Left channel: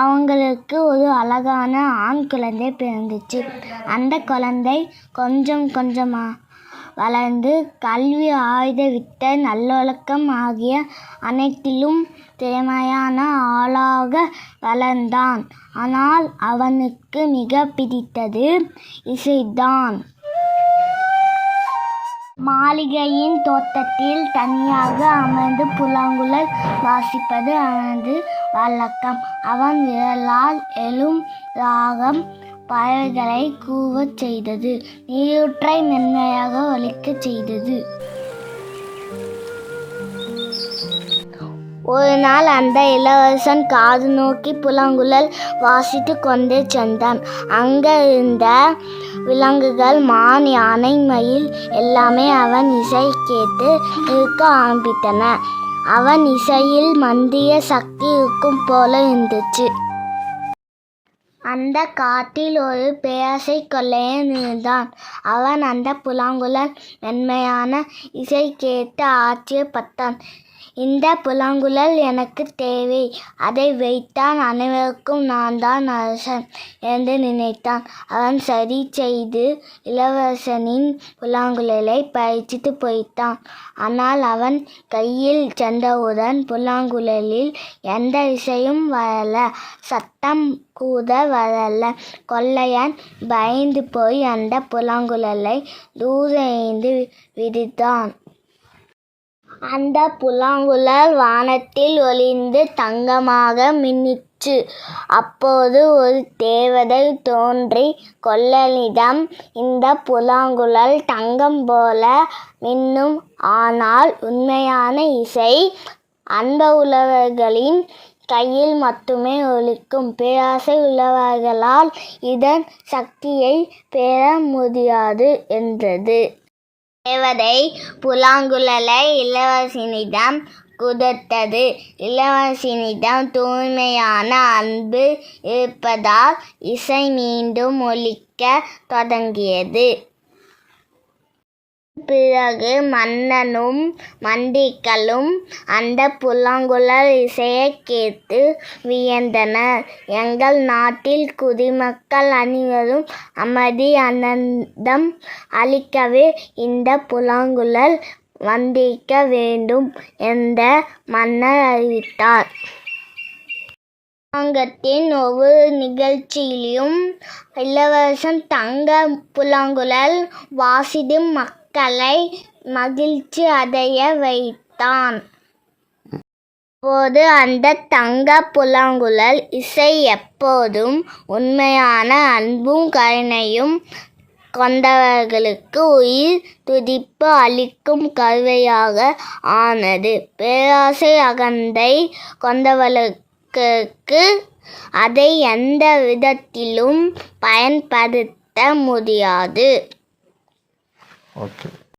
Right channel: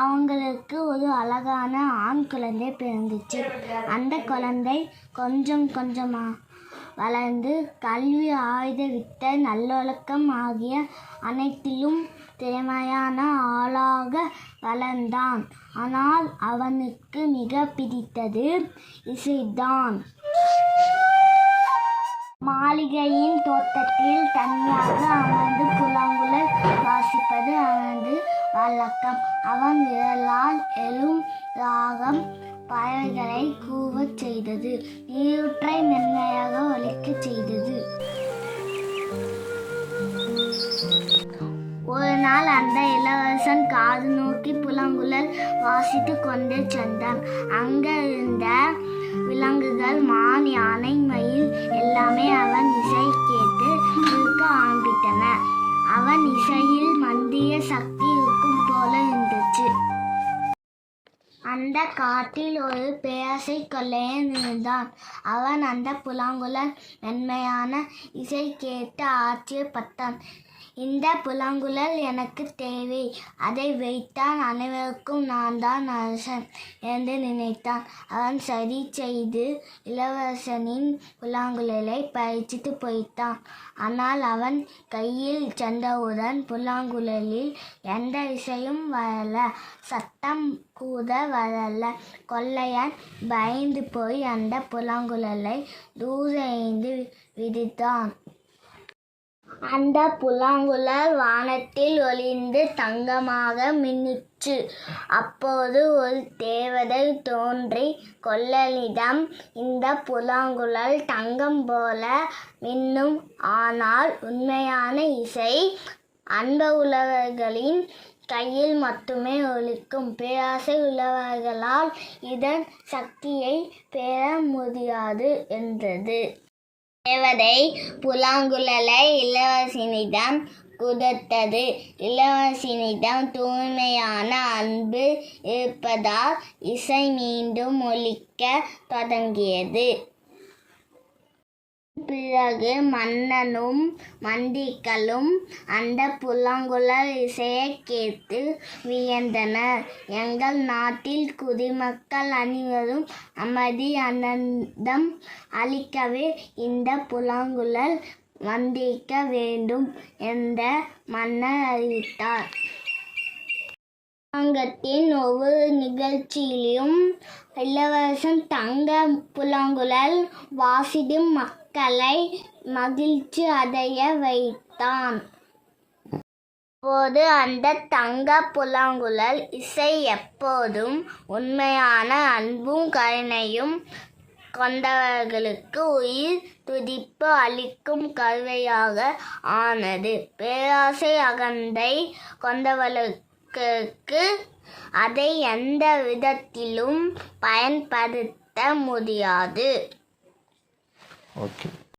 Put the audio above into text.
அவங்களுக்கு ஒரு அழகான ஆண் குழந்தை பிறந்துச்சு. அந்த குழந்தை கொஞ்சம் கொஞ்சமாக வளர்ந்து கல்வி, ஆயுத வித்தை, நல்லொழுக்கம் ஆகிய அனைத்திலும் திறமையான ஆளாக வளர்ந்தான். ஆனால் அவனுக்கு மிக பிடித்தது இசைதான். மாளிகையின் தோட்டத்தில் தனியாக அமர்ந்து புல்லாங்குழல் வாசிப்பது அவனது வழக்கம். அவன் விரலால் எழும் ராகம் பறவைகளை கூவச் செய்தது, நீரூற்றை மென்மையாக ஒலிக்கச் செய்தது. ஒரு நாள் அந்த இளவரசன் காது நோக்கி புல்லாங்குழல் வாசித்து கொண்டே சென்றான். அங்கே இருந்த விலங்குகள், மான், யானை, மயில் எல்லாமே அவன் இசை கேட்டு இருக்க ஆரம்பித்தன. அவன் இசையில் மந்திய சக்தி இருக்கும் போல இருந்துச்சு. அந்த காட்டில் ஒரு பேராசை கொள்ளையன் இருந்தான். அவன் அந்த புல்லாங்குழல் மென்மையான இசை கேட்டு ஆச்சரியப்பட்டான். இந்த புல்லாங்குழல் எனக்கு தேவை, அதை வைத்தான் அனைவருக்கும் நான் தான் அரசன் என்று நினைத்தான். அவன் சரி செய்து இளவரசனின் புல்லாங்குழலை பறிச்சிட்டு போய்த்தான். ஆனால் அவன் கையில் சென்றவுடன் புல்லாங்குழலில் எந்த இசையும் வரல, சத்தம் கூட வரல. கொள்ளையன் பயந்து போய் அந்த புல்லாங்குழலை தூர எறிந்து விடுத்தான். அந்த புல்லாங்குழல் வானத்தில் ஒளிர்ந்து தங்கமாக மின்னிற்று. அப்போது ஒரு தேவதை தோன்றி கொள்ளையனிடம், இந்த புல்லாங்குழல் தங்கம் போல மின்னும், ஆனால் உண்மையான இசை அன்பு உள்ளவர்களின் கையில் மட்டுமே ஒலிக்கும். பேராசை உள்ளவர்களால் இதன் சக்தியை பெற முடியாது என்றது. தேவதை புல்லாங்குழலை இளவரசனிடம் கொடுத்தது. இளவரசனிடம் தூய்மையான அன்பு இருப்பதால் இசை மீண்டும் ஒலிக்க தொடங்கியது. பிறகு மன்னனும் மந்திரிகளும் அந்த புல்லாங்குழல் இசையை கேட்டு வியந்தனர். எங்கள் நாட்டில் குடிமக்கள் அனைவரும் அமைதி, ஆனந்தம் அளிக்கவே இந்த புல்லாங்குழல் வந்திருக்க வேண்டும் என்று மன்னர் அறிவித்தார். அரங்கத்தின் ஒவ்வொரு நிகழ்ச்சியிலும் இளவரசன் தங்க புல்லாங்குழல் வாசித்து மக்களை மகிழ்ச்சி அடைய வைத்தான். அப்போது அந்த தங்க புல்லாங்குழல் இசை எப்போதும் உண்மையான அன்பும் கருணையும் கொண்டவர்களுக்கு உயிர் துடிப்பு அளிக்கும் கருவியாக ஆனது. பேராசை, அகந்தை கொண்டவர்களுக்கு அதை எந்த விதத்திலும் பயன்படுத்த முடியாது.